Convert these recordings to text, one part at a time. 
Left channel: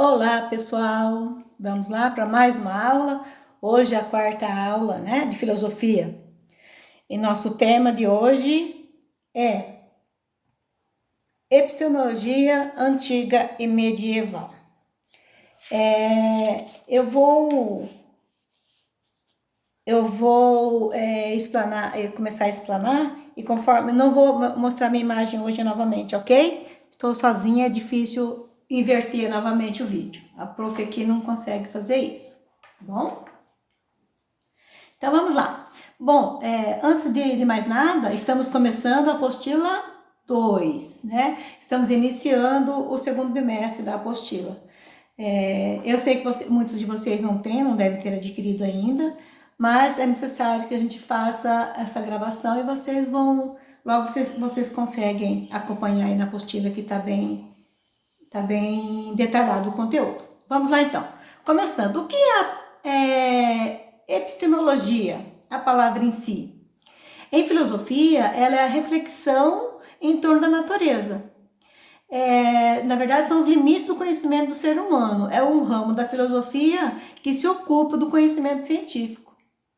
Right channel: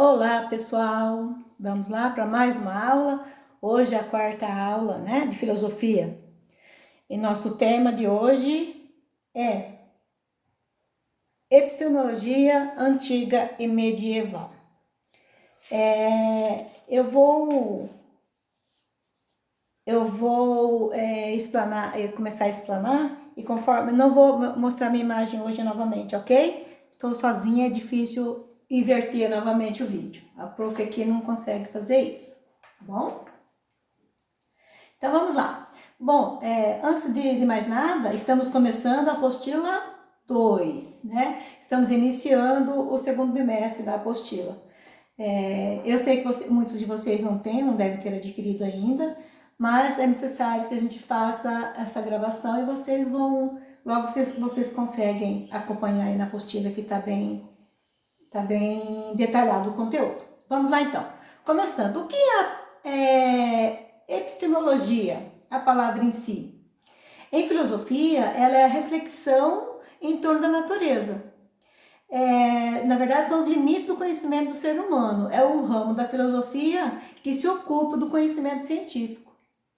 Olá, pessoal! Vamos lá para mais uma aula. Hoje é a quarta aula, né, de filosofia. E nosso tema de hoje é epistemologia antiga e medieval. Eu vou começar a explanar e conforme não vou mostrar minha imagem hoje novamente, ok? Estou sozinha, é difícil inverter novamente o vídeo. A prof aqui não consegue fazer isso, tá bom? Então vamos lá. Bom, antes de mais nada, estamos começando a apostila 2, né? Estamos iniciando o segundo bimestre da apostila. Eu sei que muitos de vocês não devem ter adquirido ainda, mas é necessário que a gente faça essa gravação e vocês vão, logo vocês conseguem acompanhar aí na apostila que tá bem detalhado o conteúdo. Vamos lá então. Começando, o que é epistemologia? A palavra em si. Em filosofia, ela é a reflexão em torno da natureza. Na verdade, são os limites do conhecimento do ser humano. É um ramo da filosofia que se ocupa do conhecimento científico.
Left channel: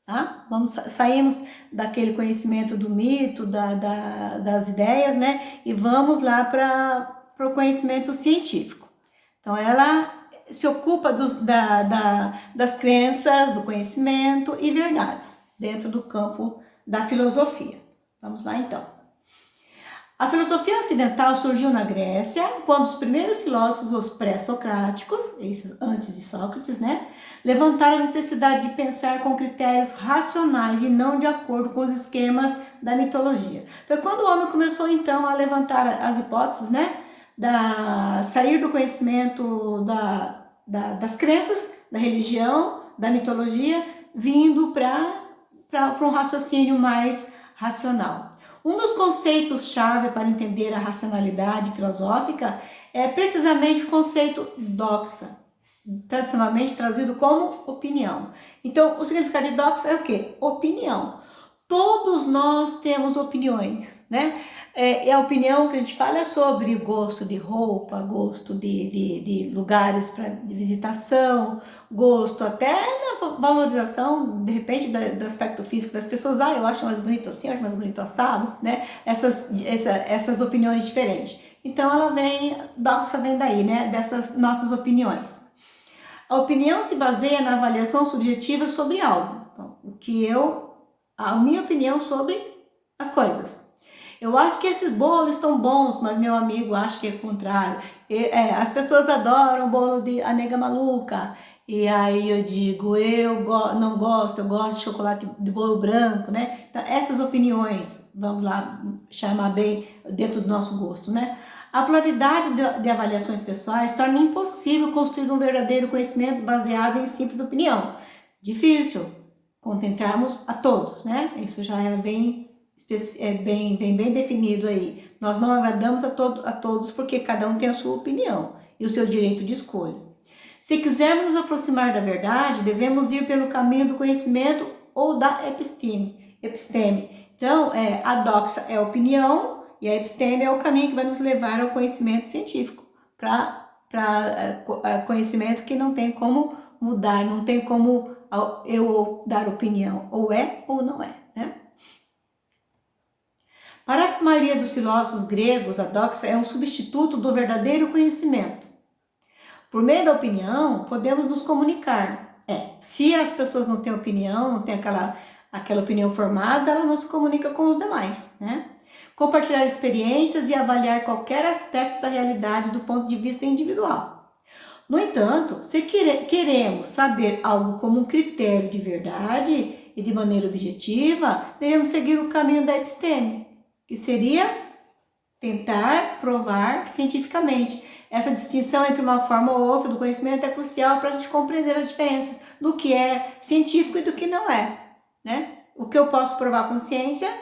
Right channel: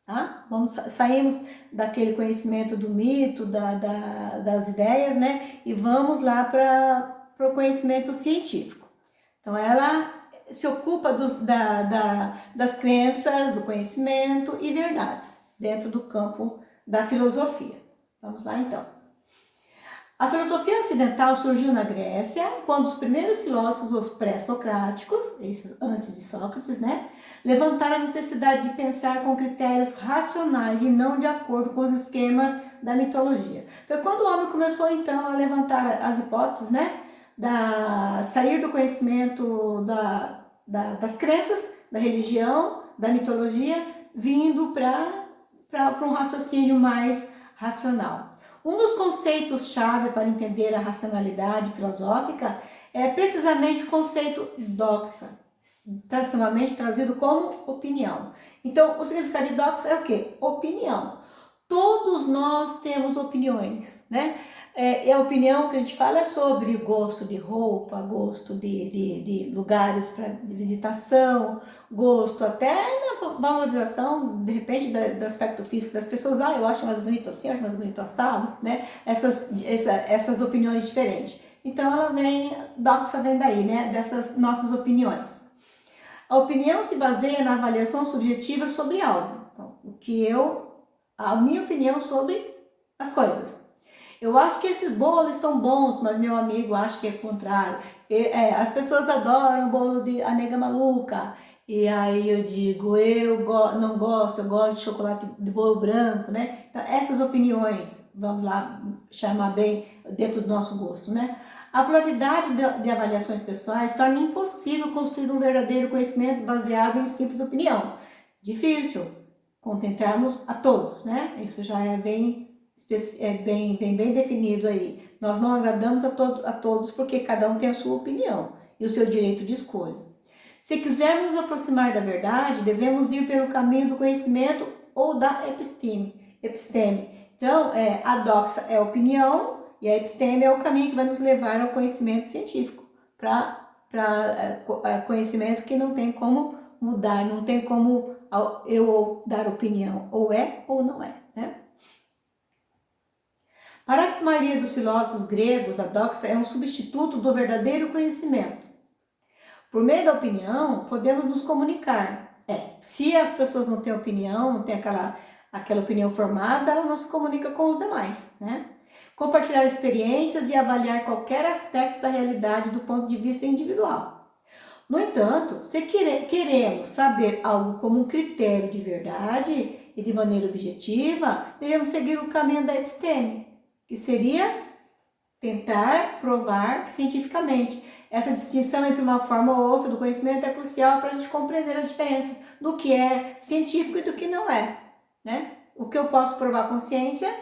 Tá? Saímos daquele conhecimento do mito, das ideias, né? E vamos lá para o conhecimento científico. Então, ela se ocupa das crenças, do conhecimento e verdades dentro do campo da filosofia. Vamos lá, então. A filosofia ocidental surgiu na Grécia, quando os primeiros filósofos, os pré-socráticos, esses antes de Sócrates, né, levantaram a necessidade de pensar com critérios racionais e não de acordo com os esquemas da mitologia. Foi quando o homem começou, então, a levantar as hipóteses, né, sair do conhecimento das crenças, da religião, da mitologia, vindo para um raciocínio mais racional. Um dos conceitos-chave para entender a racionalidade filosófica é precisamente o conceito doxa, tradicionalmente traduzido como opinião. Então, o significado de doxa é o quê? Opinião. Todos nós temos opiniões, né? E a opinião que a gente fala é sobre gosto de roupa, gosto de lugares de visitação, gosto até na valorização, de repente, do aspecto físico das pessoas. Eu acho mais bonito assim, eu acho mais bonito assado, né? Essas opiniões diferentes. Então, doxa vem daí, né? Dessas nossas opiniões. A opinião se baseia na avaliação subjetiva sobre algo. Então, a minha opinião sobre as coisas. Eu acho que esses bolos estão bons, mas meu amigo acha que é o contrário. As pessoas adoram o bolo de a nega maluca. E aí eu digo, não gosto, eu gosto de chocolate de bolo branco, né? Então, essas opiniões, vamos lá chamar bem dentro do nosso gosto, né? A pluralidade de avaliações pessoais torna impossível construir um verdadeiro conhecimento baseado em simples opinião. Difícil contentarmos a todos, né? Isso já é bem definido aí. Nós não agradamos a todos porque cada um tem a sua opinião e o seu direito de escolha. Se quisermos nos aproximar da verdade, devemos ir pelo caminho do conhecimento ou da episteme. Então, a doxa é a opinião e a episteme é o caminho que vai nos levar ao conhecimento científico, para conhecimento que não tem como mudar, não tem como eu dar opinião, ou é ou não é, né? Para a maioria dos filósofos gregos, a doxa é um substituto do verdadeiro conhecimento. Por meio da opinião, podemos nos comunicar. Se as pessoas não têm opinião, não têm aquela opinião formada, ela não se comunica com os demais, né? Compartilhar experiências e avaliar qualquer aspecto da realidade do ponto de vista individual. No entanto, se queremos saber algo como um critério de verdade e de maneira objetiva, devemos seguir o caminho da episteme, que seria tentar provar cientificamente. Essa distinção entre uma forma ou outra do conhecimento é crucial para a gente compreender as diferenças do que é científico e do que não é, né? O que eu posso provar com ciência,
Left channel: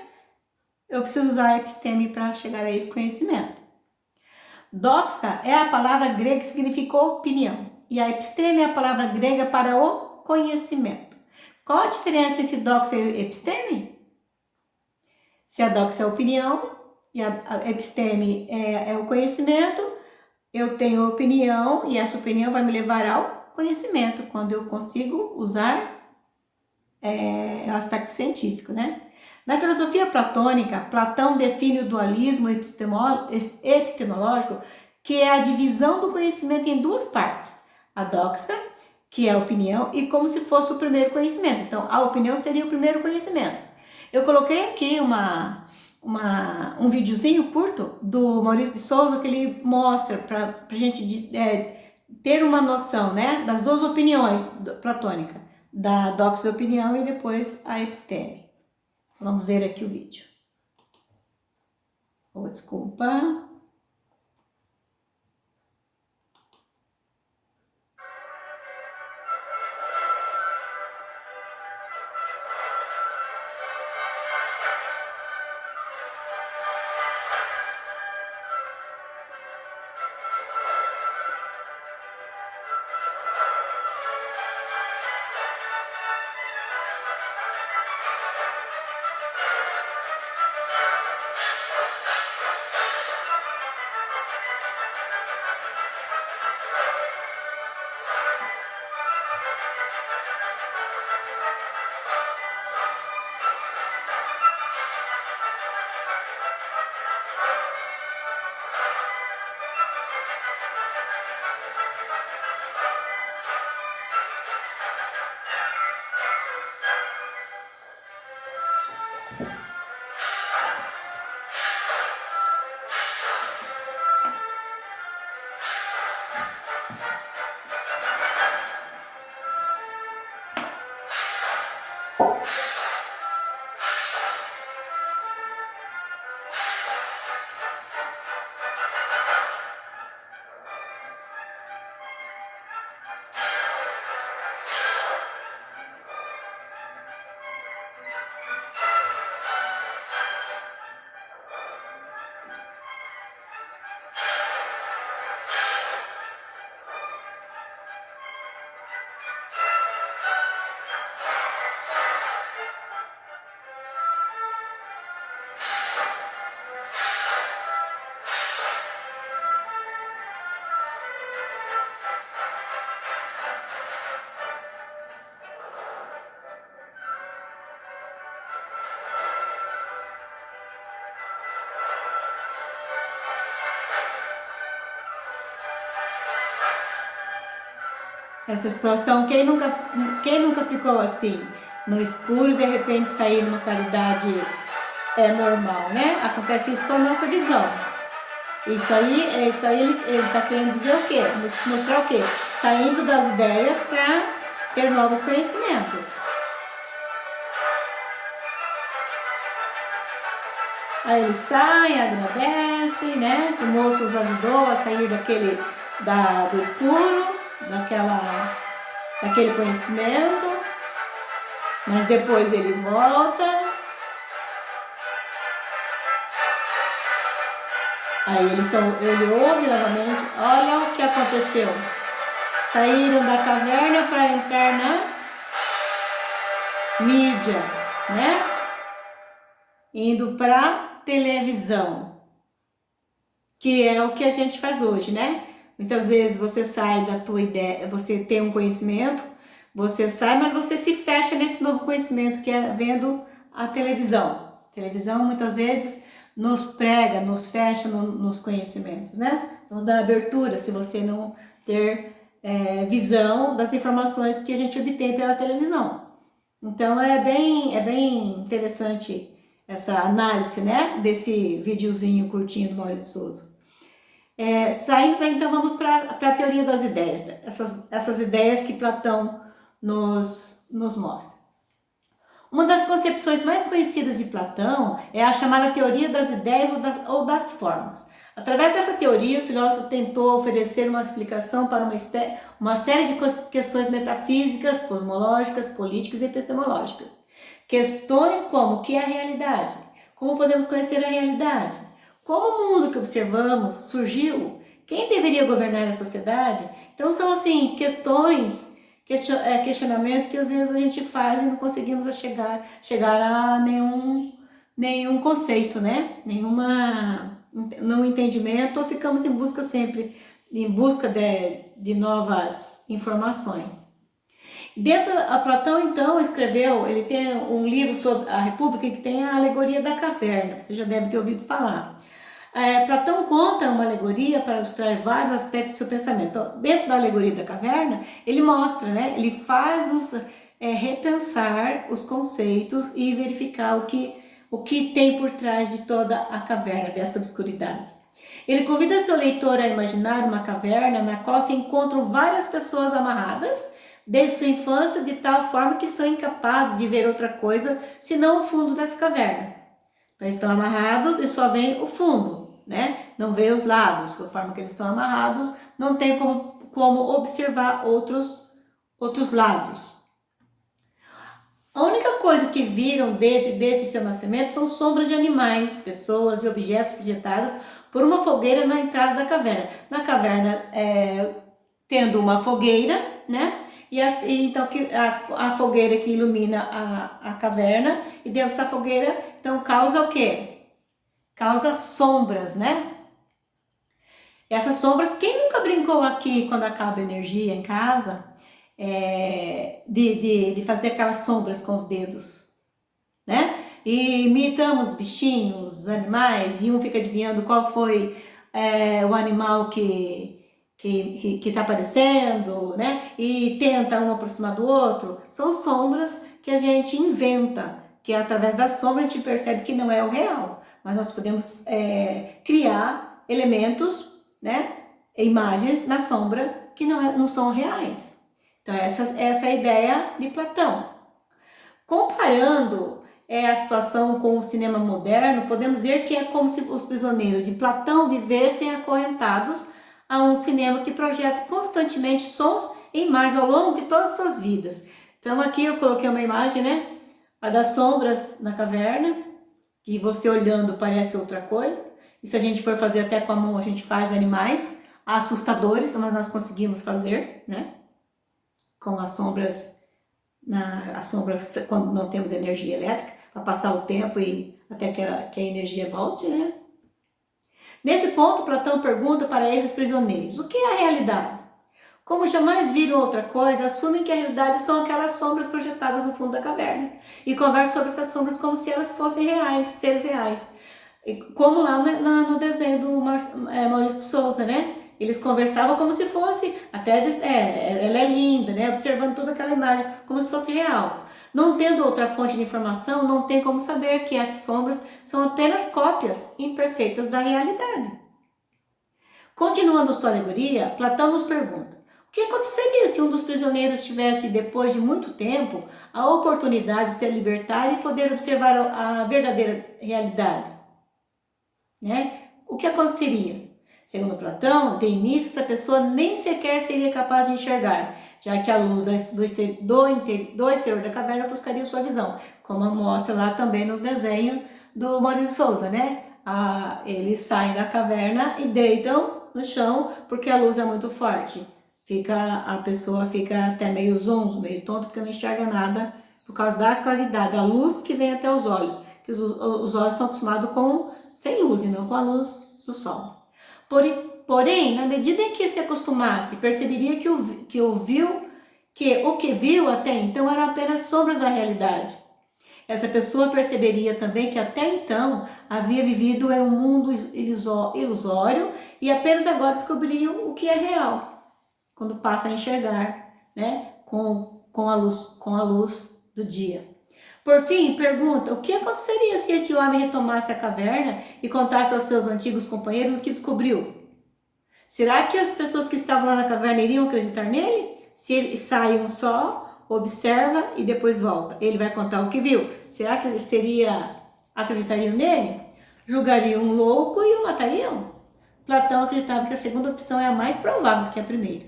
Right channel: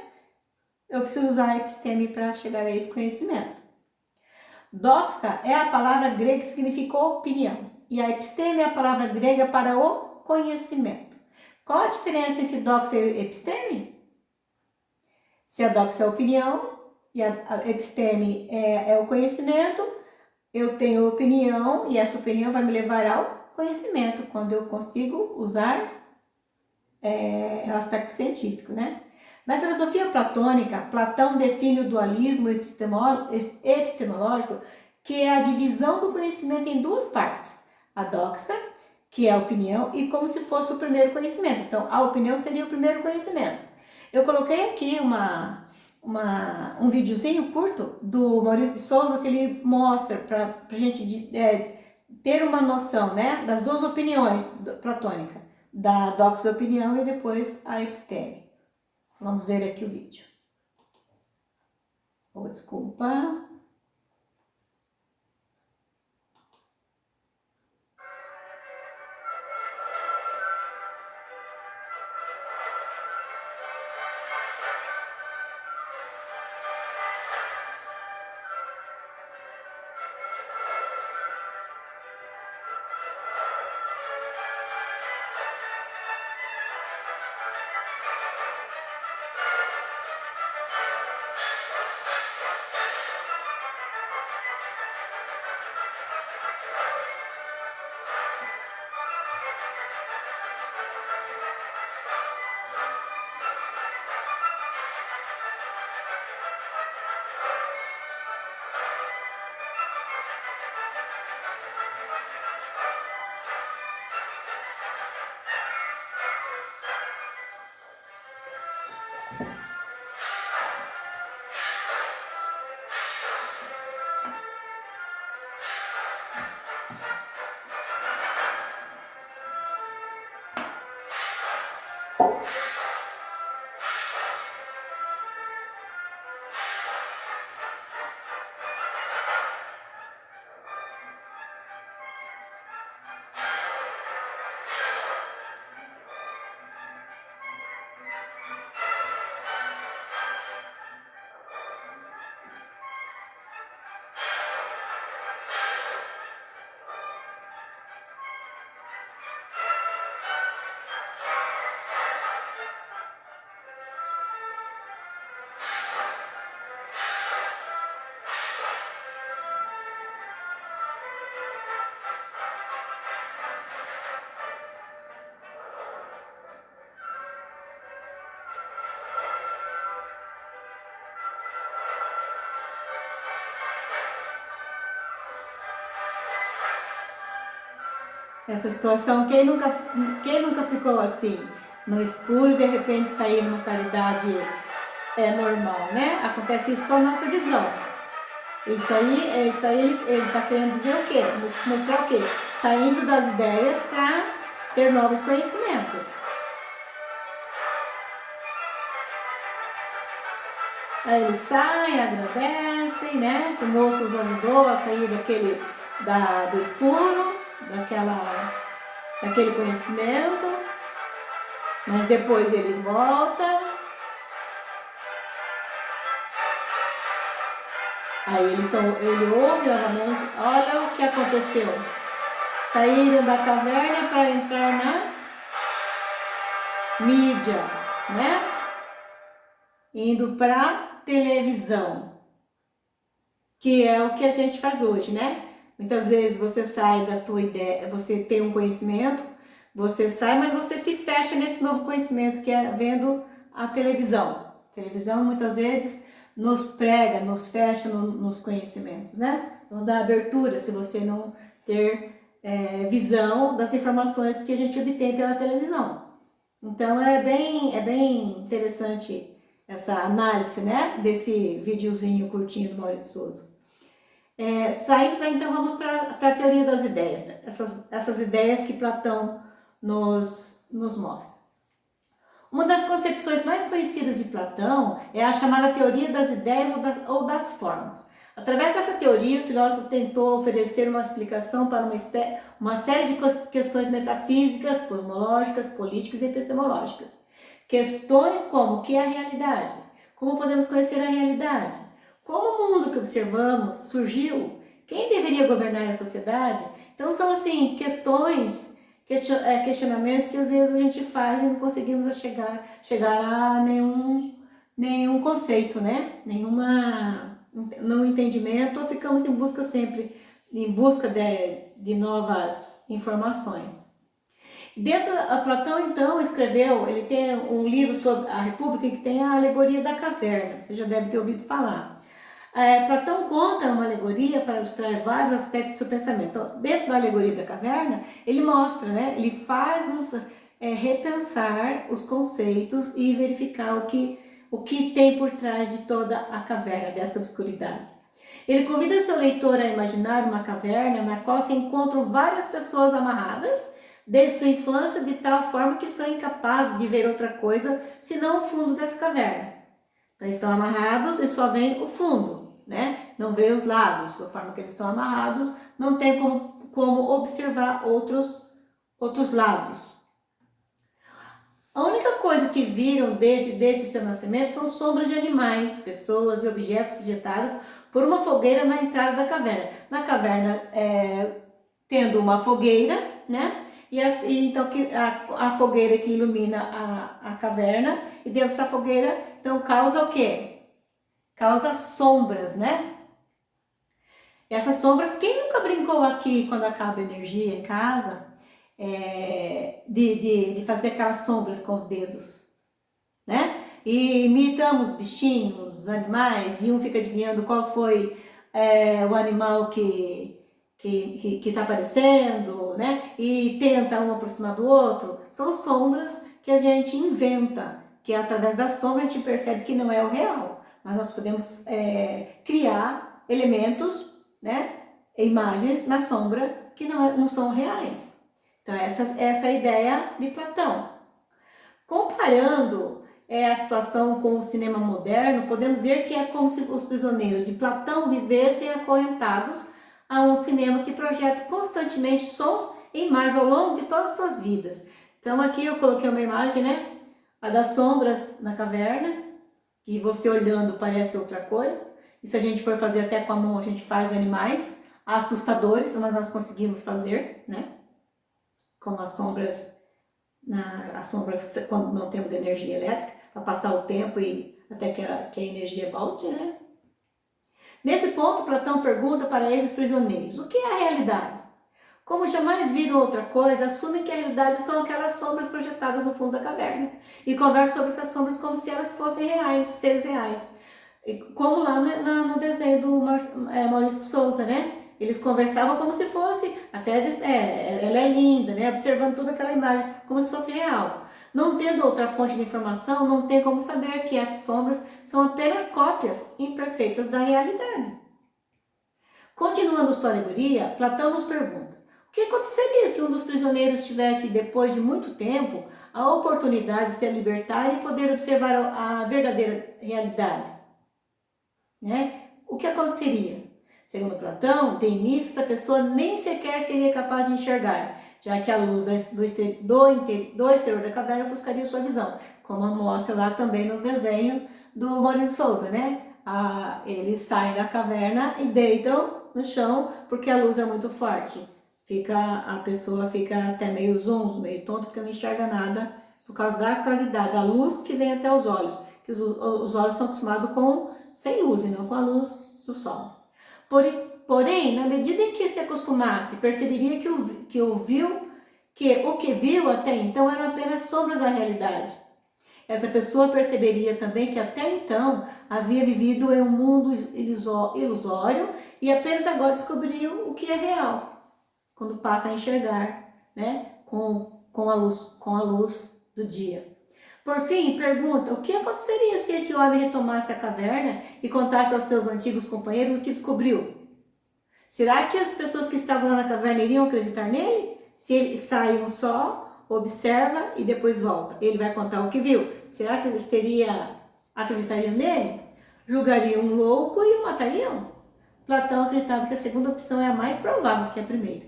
eu preciso usar a episteme para chegar a esse conhecimento. Doxa é a palavra grega que significa opinião, e a episteme é a palavra grega para o conhecimento. Qual a diferença entre doxa e episteme? Se a doxa é a opinião e a episteme é o conhecimento, eu tenho opinião e essa opinião vai me levar ao conhecimento, quando eu consigo usar o aspecto científico, né? Na filosofia platônica, Platão define o dualismo epistemológico, que é a divisão do conhecimento em duas partes. A doxa, que é a opinião, e como se fosse o primeiro conhecimento. Então, a opinião seria o primeiro conhecimento. Eu coloquei aqui um videozinho curto do Maurício de Souza, que ele mostra para a gente ter uma noção, né, das duas opiniões platônicas, da doxa de opinião e depois a episteme. Vamos ver aqui o vídeo. Oh, desculpa. Essa situação, quem nunca ficou assim, no escuro e de repente sair numa claridade normal, né? Acontece isso com a nossa visão. Isso aí ele está querendo dizer o quê? Mostrar o quê? Saindo das ideias para ter novos conhecimentos. Aí eles saem, agradecem, né? O moço os ajudou a sair do escuro, daquele conhecimento, mas depois ele volta. Aí ele ouve novamente, olha o que aconteceu. Saíram da caverna para entrar na mídia, né? Indo para televisão, que é o que a gente faz hoje, né? Muitas vezes você sai da tua ideia, você tem um conhecimento, você sai, mas você se fecha nesse novo conhecimento que é vendo a televisão. A televisão muitas vezes nos prega, nos fecha nos conhecimentos, né? Não dá abertura se você não ter visão das informações que a gente obtém pela televisão. Então é bem interessante essa análise, né, desse videozinho curtinho do Maurício Souza. Saindo daí, então, vamos para a teoria das ideias, né? essas ideias que Platão nos mostra. Uma das concepções mais conhecidas de Platão é a chamada teoria das ideias ou das formas. Através dessa teoria, o filósofo tentou oferecer uma explicação para uma série de questões metafísicas, cosmológicas, políticas e epistemológicas. Questões como o que é a realidade? Como podemos conhecer a realidade? Como o mundo que observamos surgiu? Quem deveria governar a sociedade? Então são assim questionamentos que às vezes a gente faz e não conseguimos chegar a nenhum conceito, né? Nenhum entendimento, ou ficamos em busca sempre em busca de novas informações. Dentro, a Platão, então, escreveu, ele tem um livro sobre a República que tem a alegoria da caverna, você já deve ter ouvido falar. Platão conta uma alegoria para ilustrar vários aspectos do seu pensamento. Então, dentro da alegoria da caverna, ele mostra, né, ele faz-nos repensar os conceitos e verificar o que tem por trás de toda a caverna, dessa obscuridade. Ele convida seu leitor a imaginar uma caverna na qual se encontram várias pessoas amarradas, desde sua infância, de tal forma que são incapazes de ver outra coisa senão o fundo dessa caverna. Então, eles estão amarrados e só vem o fundo, né? Não vê os lados, da forma que eles estão amarrados, não tem como observar outros lados. A única coisa que viram desde seu nascimento são sombras de animais, pessoas e objetos projetados por uma fogueira na entrada da caverna. Na caverna, tendo uma fogueira, né? Então a fogueira que ilumina a caverna, e dentro dessa fogueira, então causa o quê? Causa sombras, né? Essas sombras, quem nunca brincou aqui quando acaba a energia em casa, de fazer aquelas sombras com os dedos, né? E imitamos bichinhos, animais, e um fica adivinhando qual foi o animal que está aparecendo, né? E tenta um aproximar do outro. São sombras que a gente inventa, que através da sombra a gente percebe que não é o real, mas nós podemos criar elementos, né? Imagens na sombra que não são reais. Então essa é a ideia de Platão. Comparando a situação com o cinema moderno, podemos dizer que é como se os prisioneiros de Platão vivessem acorrentados a um cinema que projeta constantemente sons e imagens ao longo de todas as suas vidas. Então aqui eu coloquei uma imagem, né? A das sombras na caverna, e você olhando parece outra coisa. E se a gente for fazer até com a mão, a gente faz animais assustadores, mas nós conseguimos fazer, né? Como as sombras quando não temos energia elétrica, para passar o tempo e até que a energia volte, né? Nesse ponto, Platão pergunta para esses prisioneiros: o que é a realidade? Como jamais viram outra coisa, assumem que a realidade são aquelas sombras projetadas no fundo da caverna e conversam sobre essas sombras como se elas fossem reais, seres reais. Como lá no desenho do Maurício de Souza, né? Eles conversavam como se fosse, ela é linda, né? Observando toda aquela imagem como se fosse real. Não tendo outra fonte de informação, não tem como saber que essas sombras são apenas cópias imperfeitas da realidade. Continuando sua alegoria, Platão nos pergunta: o que aconteceria se um dos prisioneiros tivesse, depois de muito tempo, a oportunidade de se libertar e poder observar a verdadeira realidade? Né? O que aconteceria? Segundo Platão, de início essa pessoa nem sequer seria capaz de enxergar, já que a luz do exterior da caverna ofuscaria sua visão, como mostra lá também no desenho do Maurício de Souza, né? Eles saem da caverna e deitam no chão porque a luz é muito forte. A pessoa fica até meio zonzo, meio tonto, porque não enxerga nada por causa da claridade, da luz que vem até os olhos, que os olhos estão acostumados sem luz e não com a luz do sol. Porém, na medida em que se acostumasse, perceberia que o que viu até então eram apenas sombras da realidade. Essa pessoa perceberia também que até então havia vivido em um mundo ilusório e apenas agora descobriria o que é real, quando passa a enxergar, né, com a luz do dia. Por fim, pergunta: o que aconteceria se esse homem retomasse a caverna e contasse aos seus antigos companheiros o que descobriu? Será que as pessoas que estavam lá na caverna iriam acreditar nele? Se ele sai só, observa e depois volta, ele vai contar o que viu. Será que acreditariam nele? Julgariam um louco e o matariam? Platão acreditava que a segunda opção é a mais provável que a primeira.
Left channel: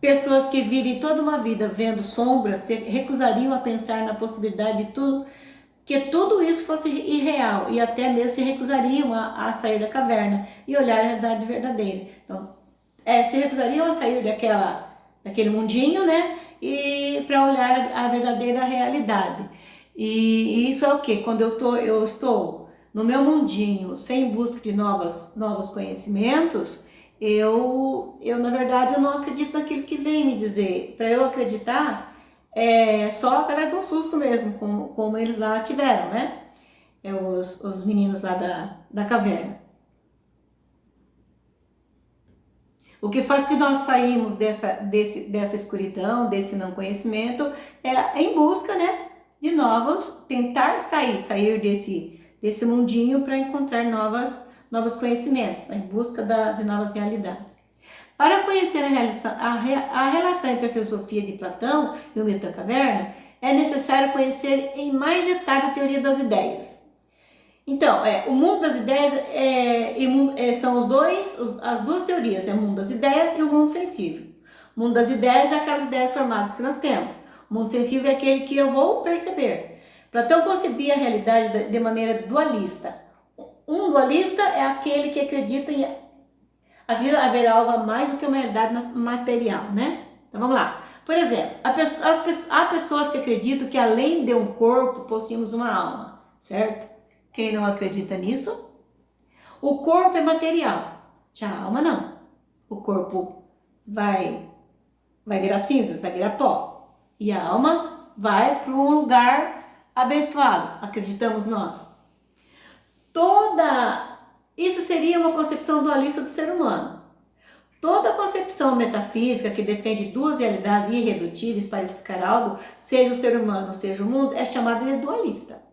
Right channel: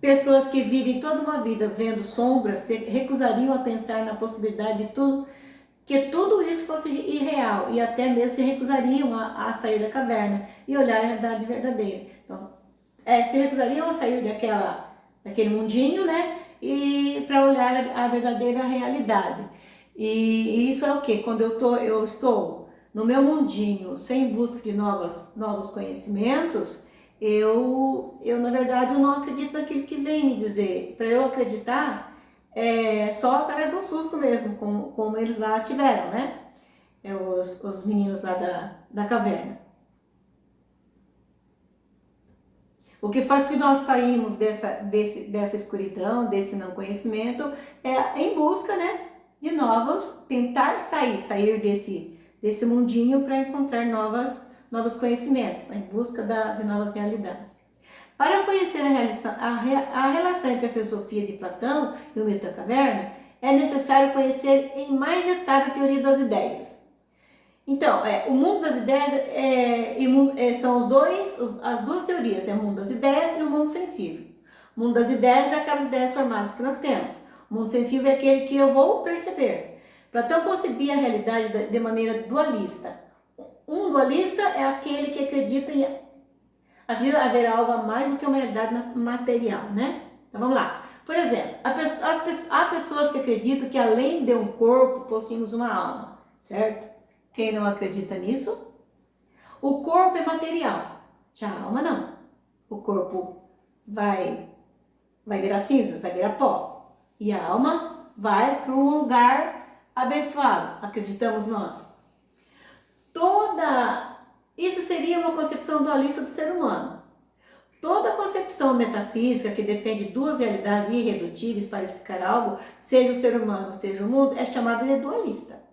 Pessoas que vivem toda uma vida vendo sombras se recusariam a pensar na possibilidade de que tudo isso fosse irreal, e até mesmo se recusariam a sair da caverna e olhar a realidade verdadeira. Então, se recusariam a sair daquele mundinho, né? E para olhar a verdadeira realidade. E isso é o quê? Quando eu estou no meu mundinho, sem busca de novos conhecimentos, Na verdade, eu não acredito naquilo que vem me dizer. Para eu acreditar, é só através do susto mesmo, como eles lá tiveram, né? Os meninos lá da caverna. O que faz que nós saímos dessa escuridão, desse não conhecimento, é em busca, né, de novos, tentar sair desse mundinho para encontrar novos conhecimentos, em busca de novas realidades. Para conhecer a relação entre a filosofia de Platão e o mito da caverna, é necessário conhecer em mais detalhe a teoria das ideias. Então, o mundo das ideias são as duas teorias, o mundo das ideias e o mundo sensível. O mundo das ideias é aquelas ideias formadas que nós temos. O mundo sensível é aquele que eu vou perceber. Platão concebia a realidade de maneira dualista. Um dualista é aquele que acredita em haver algo a mais do que uma realidade material, né? Então vamos lá. Por exemplo, há pessoas que acreditam que além de um corpo possuímos uma alma, certo? Quem não acredita nisso? O corpo é material, já a alma não. O corpo vai virar cinzas, vai virar pó. E a alma vai para um lugar abençoado, acreditamos nós. Isso seria uma concepção dualista do ser humano. Toda concepção metafísica que defende duas realidades irredutíveis para explicar algo, seja o ser humano, seja o mundo, é chamada de dualista.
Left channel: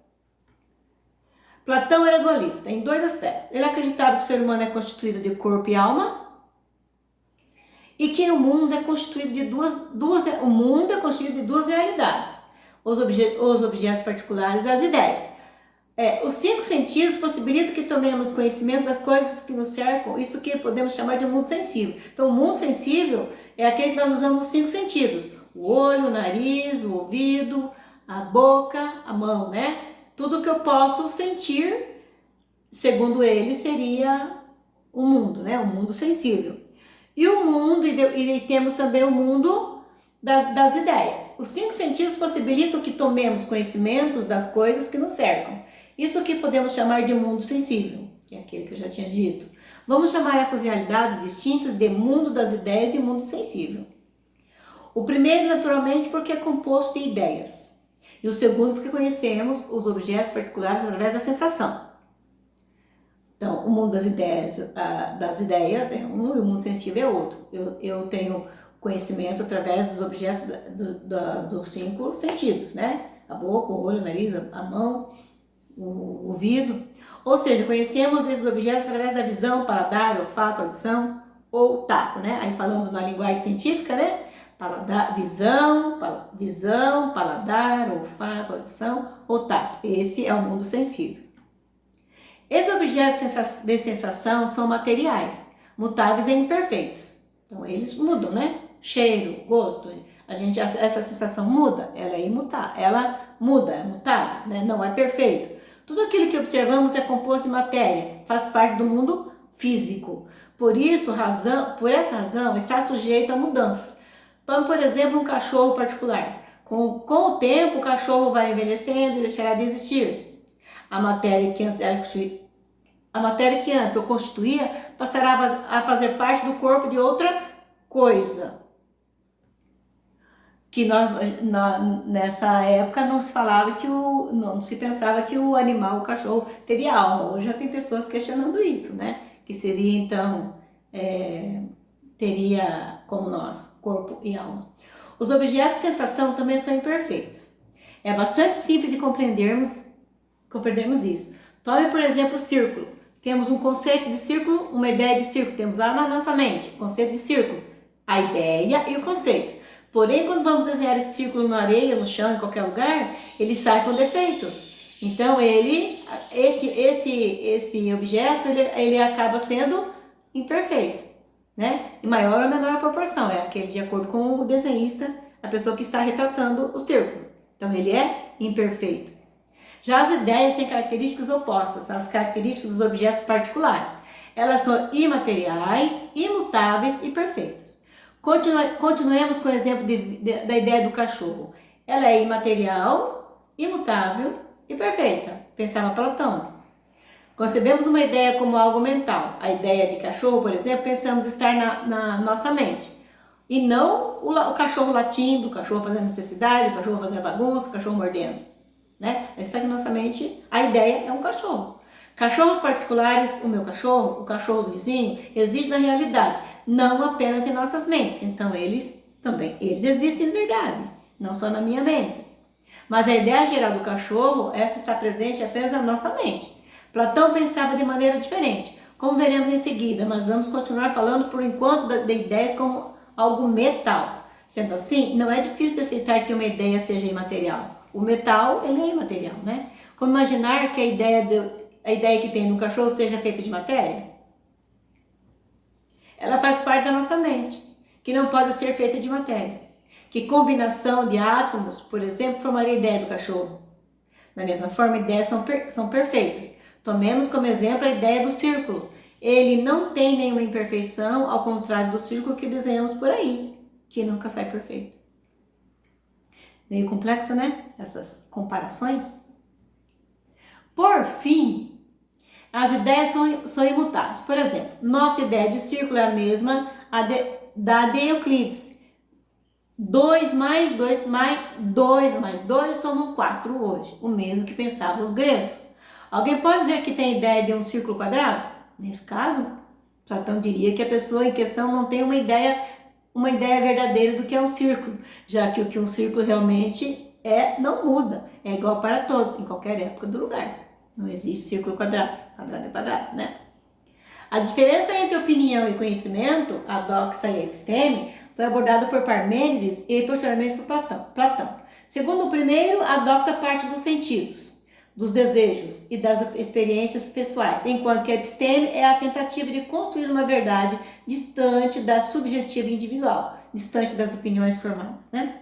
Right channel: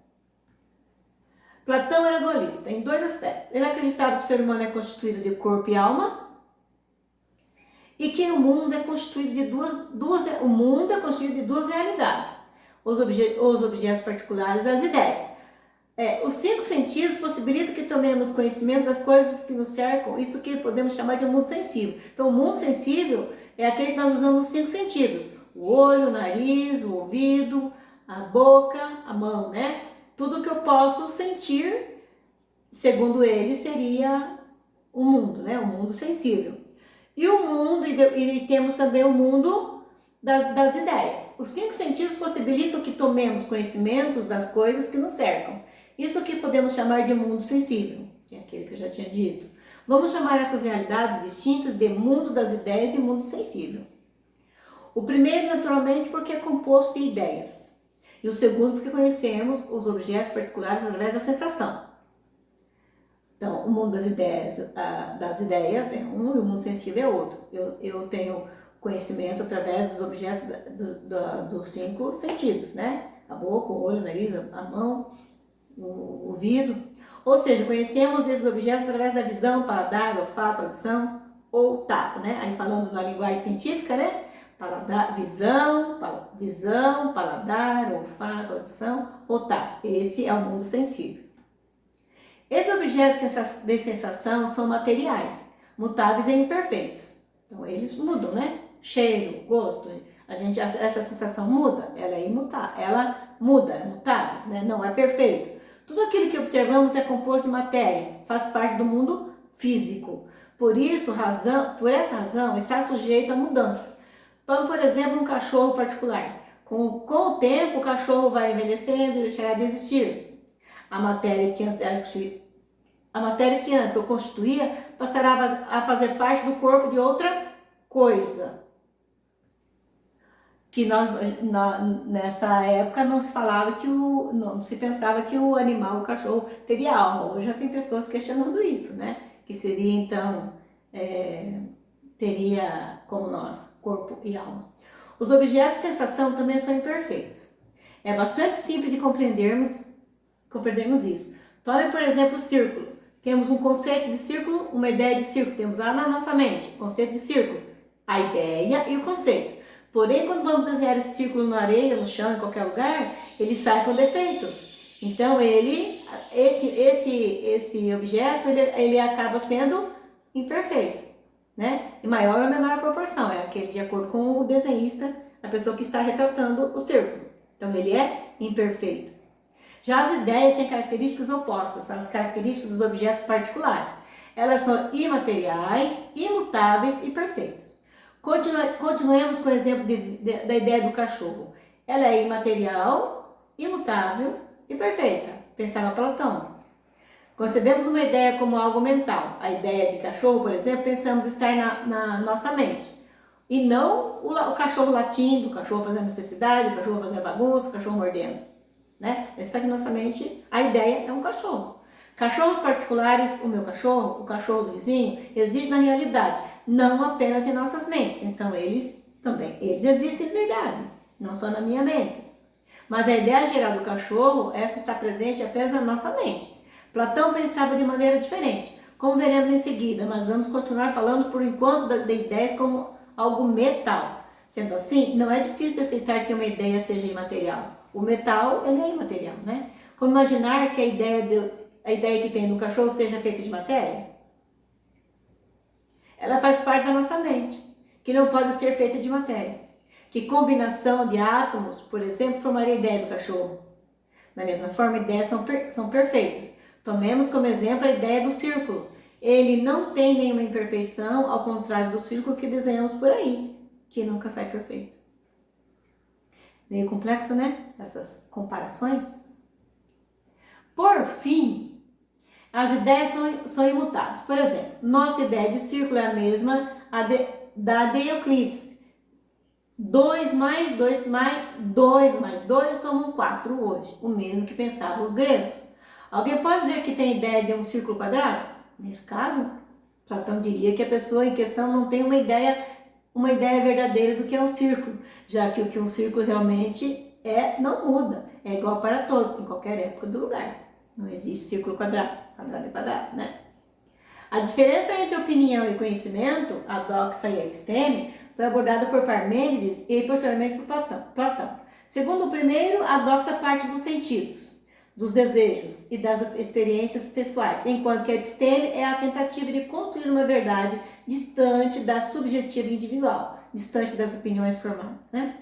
Platão era dualista em dois aspectos. Ele acreditava que o ser humano é constituído de corpo e alma e que o mundo é constituído de duas realidades: os objetos particulares e as ideias. Os 5 sentidos possibilitam que tomemos conhecimento das coisas que nos cercam, isso que podemos chamar de mundo sensível. Então, o mundo sensível é aquele que nós usamos os 5 sentidos: o olho, o nariz, o ouvido, a boca, a mão, né? Tudo que eu posso sentir, segundo ele, seria o mundo, né? O mundo sensível. E o mundo, e temos também o mundo das ideias. Os 5 sentidos possibilitam que tomemos conhecimentos das coisas que nos cercam. Isso que podemos chamar de mundo sensível, que é aquele que eu já tinha dito. Vamos chamar essas realidades distintas de mundo das ideias e mundo sensível. O primeiro, naturalmente, porque é composto de ideias. E o segundo, porque conhecemos os objetos particulares através da sensação. Então, o mundo das ideias é um e o mundo sensível é outro. Eu tenho conhecimento através dos objetos dos 5 sentidos, né? A boca, o olho, o nariz, a mão, o ouvido. Ou seja, conhecemos esses objetos através da visão, paladar, olfato, audição ou tato, né? Aí falando na linguagem científica, né? Visão, paladar, olfato, audição ou tato. Esse é o mundo sensível. Esses objetos de sensação são materiais, mutáveis e imperfeitos. Então, eles mudam, né? Cheiro, gosto. Essa sensação muda, ela é imutável, ela muda, é mutável, né? Não é perfeito. Tudo aquilo que observamos é composto de matéria, faz parte do mundo físico. Por essa razão, está sujeito à mudança. Tome, por exemplo, um cachorro particular. Com o tempo, o cachorro vai envelhecendo e deixará de existir. A matéria que antes o constituía passará a fazer parte do corpo de outra coisa. Que nessa época não se pensava que o animal, o cachorro, teria alma. Hoje já tem pessoas questionando isso, né? Que seria então, teria como nós, corpo e alma. Os objetos de sensação também são imperfeitos. É bastante simples de compreendermos isso. Tome, por exemplo, o círculo. Temos um conceito de círculo, uma ideia de círculo. Temos lá na nossa mente, conceito de círculo, a ideia e o conceito. Porém, quando vamos desenhar esse círculo na areia, no chão, em qualquer lugar, ele sai com defeitos. Então, esse objeto, ele acaba sendo imperfeito, né? Em maior ou menor proporção. É aquele de acordo com o desenhista, a pessoa que está retratando o círculo. Então, ele é imperfeito. Já as ideias têm características opostas às características dos objetos particulares. Elas são imateriais, imutáveis e perfeitas. Continuemos com o exemplo da ideia do cachorro. Ela é imaterial, imutável e perfeita, pensava Platão. Concebemos uma ideia como algo mental. A ideia de cachorro, por exemplo, pensamos estar na nossa mente. E não o cachorro latindo, o cachorro fazendo necessidade, o cachorro fazendo bagunça, o cachorro mordendo. Né? Está aqui na nossa mente, a ideia é um cachorro. Cachorros particulares, o meu cachorro, o cachorro do vizinho, existe na realidade, não apenas em nossas mentes. Então eles existem de verdade, não só na minha mente. Mas a ideia geral do cachorro, essa está presente apenas na nossa mente. Platão pensava de maneira diferente, como veremos em seguida, mas vamos continuar falando por enquanto de ideias como algo metal. Sendo assim, não é difícil de aceitar que uma ideia seja imaterial. O metal, ele é imaterial, né? Como imaginar que a ideia que tem no cachorro seja feita de matéria? Ela faz parte da nossa mente, que não pode ser feita de matéria. Que combinação de átomos, por exemplo, formaria a ideia do cachorro? Da mesma forma, ideias são perfeitas. Tomemos como exemplo a ideia do círculo. Ele não tem nenhuma imperfeição, ao contrário do círculo que desenhamos por aí, que nunca sai perfeito. Meio complexo, né? Essas comparações. Por fim, as ideias são imutáveis. Por exemplo, nossa ideia de círculo é a mesma da de Euclides. 2 mais 2 mais 2 somam 4 hoje, o mesmo que pensavam os gregos. Alguém pode dizer que tem ideia de um círculo quadrado? Nesse caso, Platão diria que a pessoa em questão não tem uma ideia verdadeira do que é um círculo, já que o que um círculo realmente é não muda, é igual para todos, em qualquer época do lugar. Não existe círculo quadrado, quadrado é quadrado, né? A diferença entre opinião e conhecimento, a doxa e a episteme, foi abordada por Parmênides e posteriormente por Platão. Segundo o primeiro, a doxa parte dos sentidos, dos desejos e das experiências pessoais, enquanto que a episteme é a tentativa de construir uma verdade distante da subjetiva individual, distante das opiniões formadas, né?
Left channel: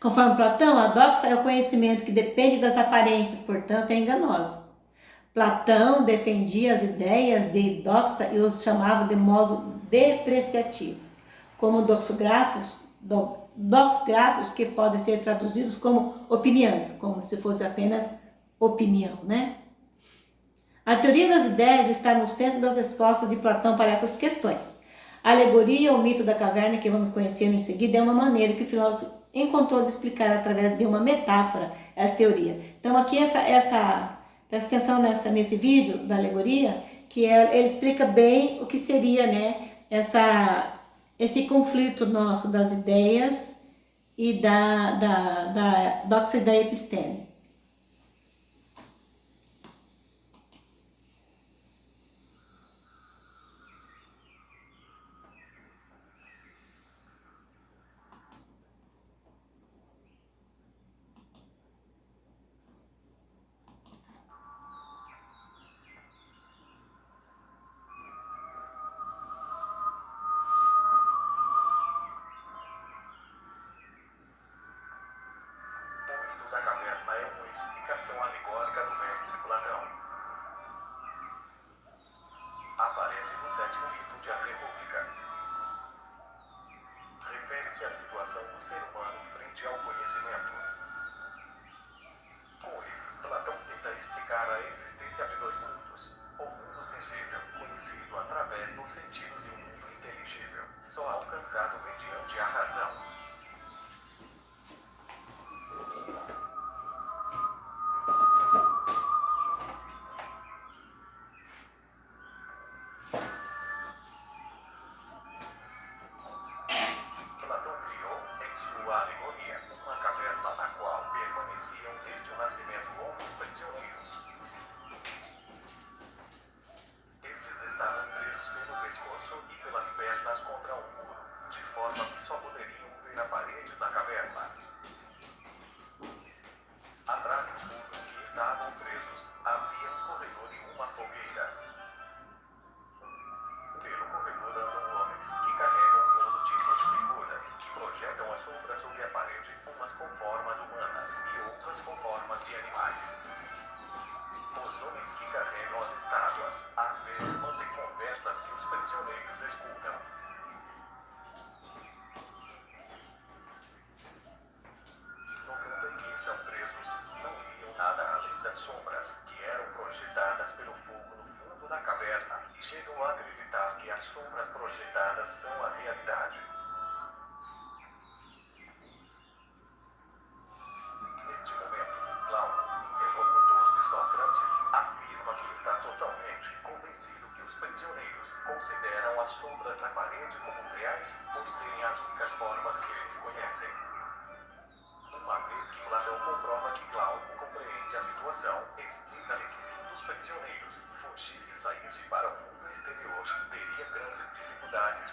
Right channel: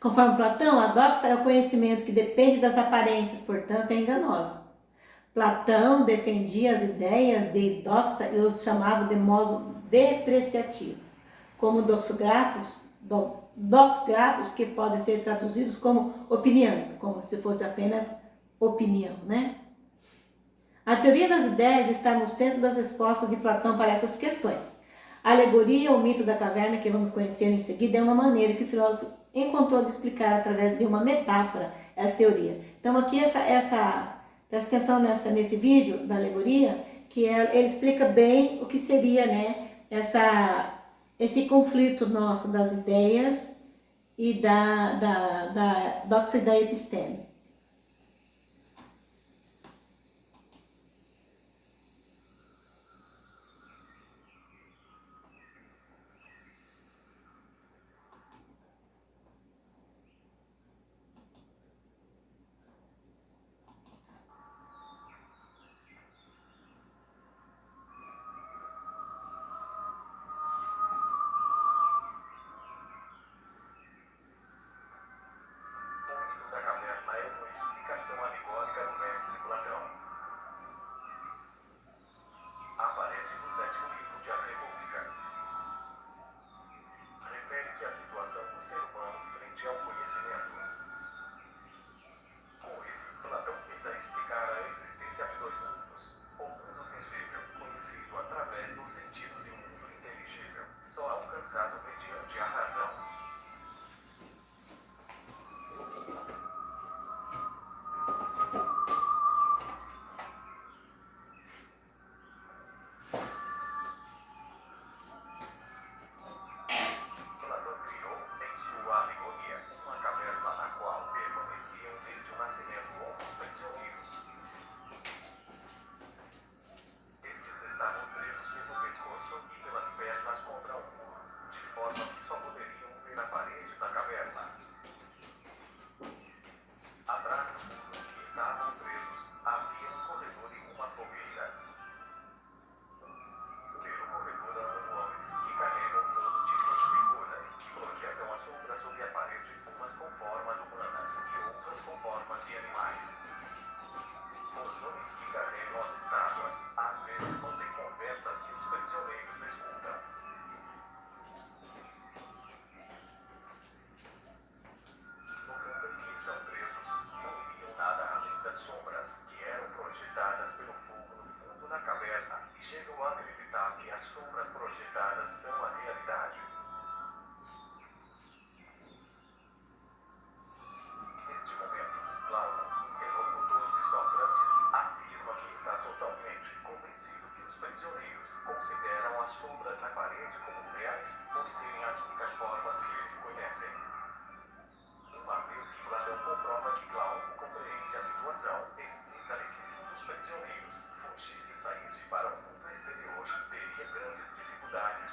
Conforme Platão, a doxa é o conhecimento que depende das aparências, portanto é enganosa. Platão defendia as ideias de doxa e os chamava de modo depreciativo, como doxgrafos que podem ser traduzidos como opiniões, como se fosse apenas opinião, né? A teoria das ideias está no centro das respostas de Platão para essas questões. A alegoria, o mito da caverna, que vamos conhecer em seguida, é uma maneira que o filósofo encontrou de explicar através de uma metáfora essa teoria. Então aqui presta atenção nesse vídeo da alegoria, que ele explica bem o que seria, né, esse conflito nosso das ideias e da doxa e da episteme.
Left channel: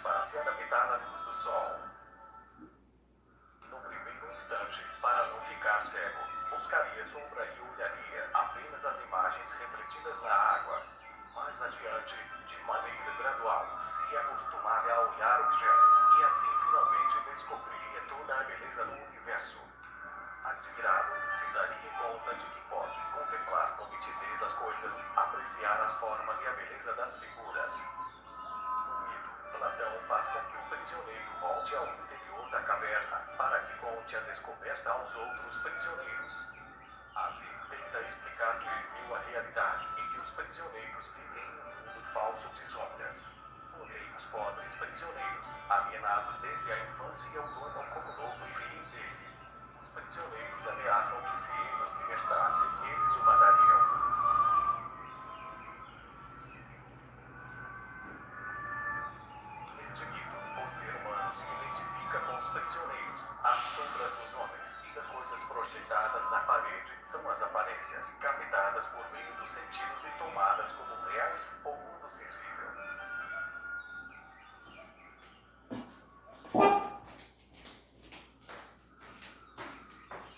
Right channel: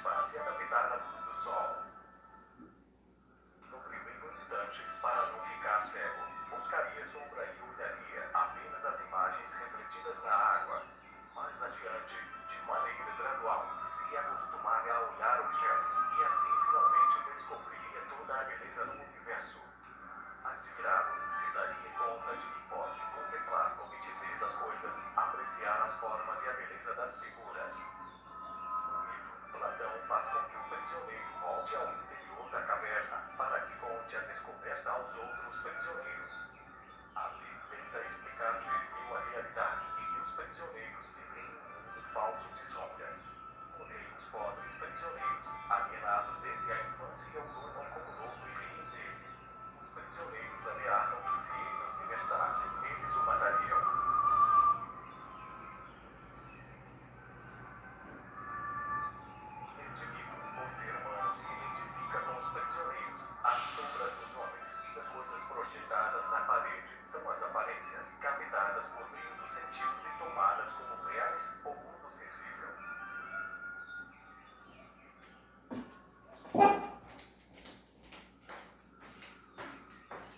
para se adaptar à luz do sol. No primeiro instante, para não ficar cego, buscaria sombra e olharia apenas as imagens refletidas na água. Mais adiante, de maneira gradual, se acostumava a olhar objetos e assim finalmente descobriria toda a beleza do universo. Admirado, se daria conta de que pode contemplar com nitidez as coisas, apreciar as formas e a beleza das figuras. No mito, Platão faz com que o prisioneiro volte ao interior da caverna, para que conte a descoberta aos outros prisioneiros. Ali tenta explicar que ele viu a realidade e que os prisioneiros vivem em um mundo falso de sombras. Porém, os pobres prisioneiros, alienados desde a infância, o tornam como novo e rei dele. Os prisioneiros ameaçam que se ele os libertasse, eles o matariam. Este mito, o ser humano se identifica com os prisioneiros. As sombras dos homens e das coisas projetadas na parede são as aparências captadas por meio dos sentidos e tomadas como reais ou mundo sensível.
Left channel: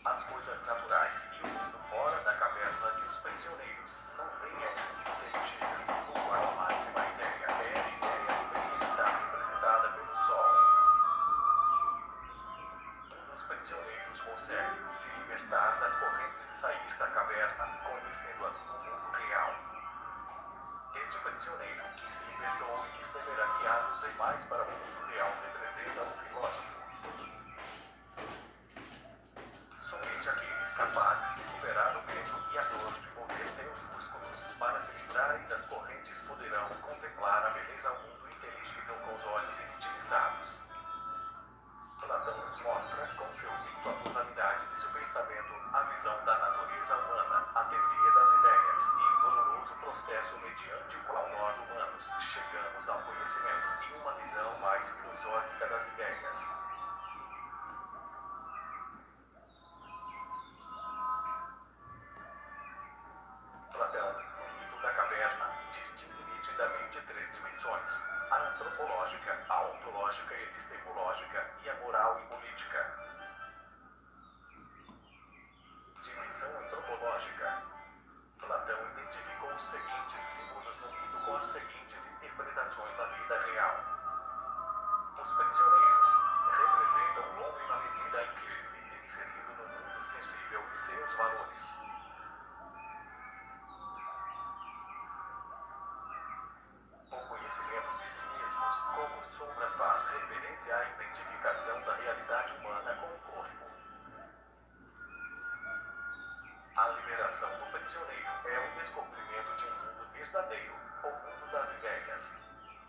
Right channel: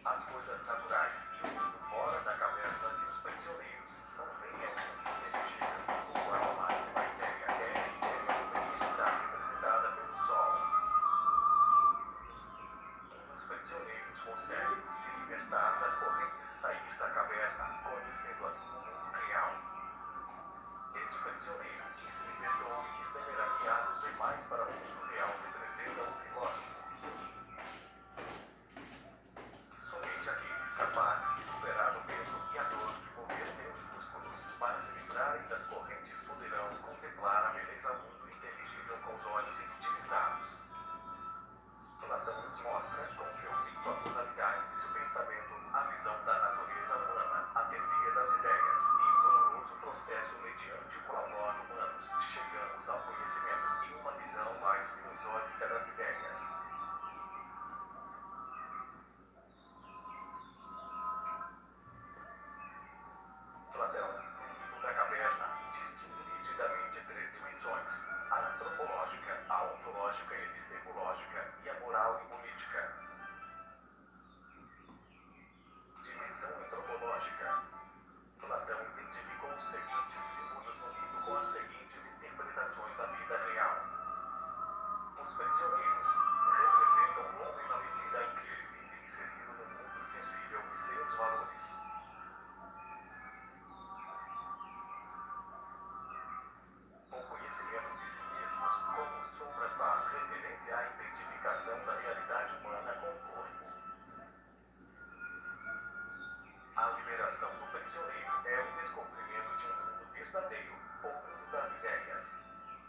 As coisas naturais e o mundo fora da caverna de os prisioneiros não veem ao mundo inteligível, o qual a máxima ideia é a ideia de luminosidade representada pelo sol. Um dos prisioneiros consegue se libertar das correntes e sair da caverna, conhecendo-as no mundo real. Este prisioneiro que se libertou e que deverá guiar os demais para o mundo real representa o filósofo. Somente aqueles capazes de superar o medo e a dor de mover seus músculos para se livrarem das correntes poderão contemplar a beleza do mundo inteligível com os olhos inutilizados. Platão nos mostra, com seu mito, a pluralidade de seu pensamento, a visão da natureza humana, a teoria das ideias e o doloroso processo mediante o qual nós humanos chegamos ao conhecimento e uma visão mais filosófica das ideias. Platão, no mito da caverna, distingue nitidamente três dimensões: a antropológica, a ontológica e epistemológica, e a moral e política. Dimensão antropológica. Platão identificou os seguintes símbolos no mito com as seguintes interpretações da vida real. Os prisioneiros representam o homem na medida em que ele vive inserido no mundo sensível e seus valores. O conhecimento de si mesmos, como sombras, faz referência à identificação da realidade humana com o corpo. A liberação do prisioneiro é o descobrimento de um mundo verdadeiro, o mundo das ideias.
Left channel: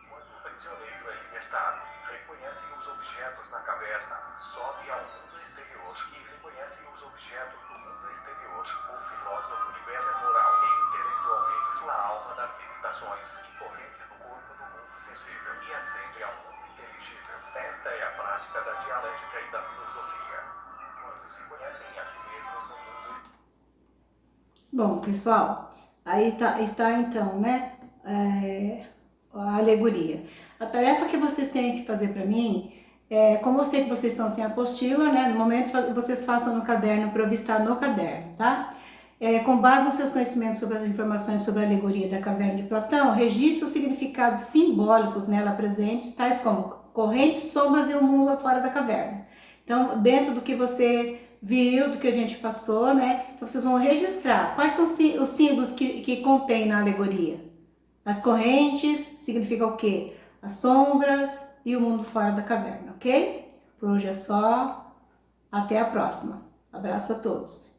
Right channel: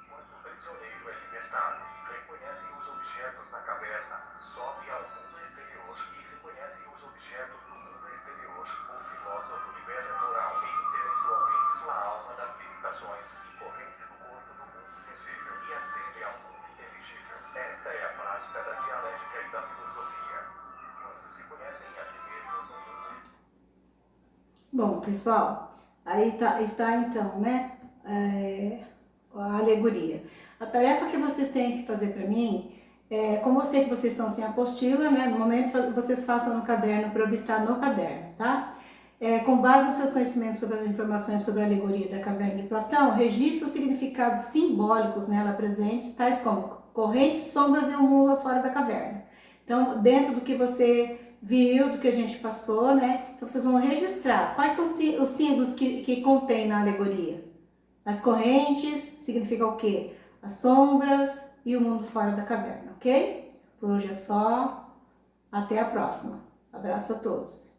Quando o prisioneiro é libertado, reconhece os objetos na caverna, sobe ao mundo exterior e reconhece os objetos do mundo exterior. O filósofo libera moral e intelectualmente sua alma das limitações e correntes do corpo do mundo sensível e ascende ao mundo inteligível. Esta é a prática da dialética e da filosofia. Quando se conhecem a si mesmos no mundo. Bom, pessoal, aí está então, né, a alegoria. A tarefa que vocês têm que fazer para mim, como eu sei que vocês estão sem apostila, né, no momento vocês façam no caderno para eu vistar no caderno, tá? Com base nos seus conhecimentos sobre as informações sobre a alegoria da caverna de Platão, registre os significados simbólicos nela presentes, tais como correntes, sombras e o mundo lá fora da caverna. Então, dentro do que você viu, do que a gente passou, né? Então, vocês vão registrar quais são os símbolos que contém na alegoria. As correntes significa o quê? As sombras e o mundo fora da caverna, ok? Por hoje é só. Até a próxima. Abraço a todos.